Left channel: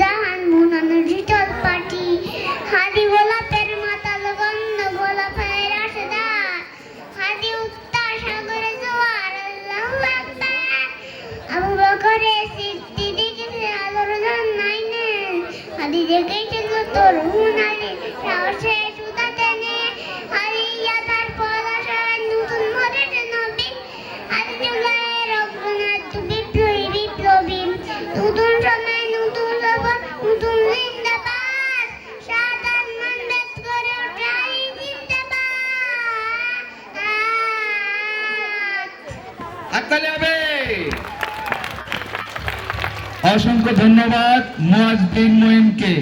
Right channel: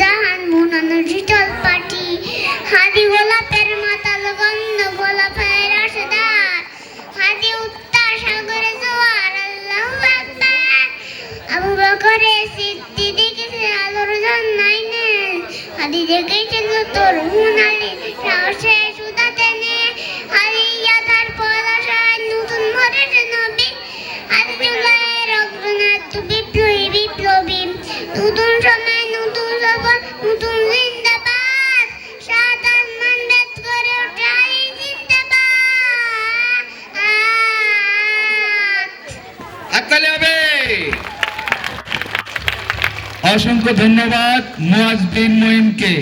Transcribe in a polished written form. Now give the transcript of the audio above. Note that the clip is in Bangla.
জাহান মুনানো শীতল পাটি হাদি গোলাপের মাতাল গন্ধ গোলাপের রসদার হাদি উত্তর সাগরে জোয়ার আল্লাহু আকবার আবু বকরের সিদ্দিক আলোর জন্নাইনে হাদি দেখেছিল তোর হুনালি সাহসে সুদাতে নে হাদি ইয়াদার পলাশায় নতুন ভরের নবী হাদি জুলাইয়ের অগ্রনাথ বিপ্লবী নতুন সময় নতুন জগৎ নতুন জিন্দাবাদ সাদাত মান বেদ করে ওঠাই জিন্দাবাদ হাততালি হবে। অসংখ্য ধন্যবাদ মুয়াজ বিন মঈনকে।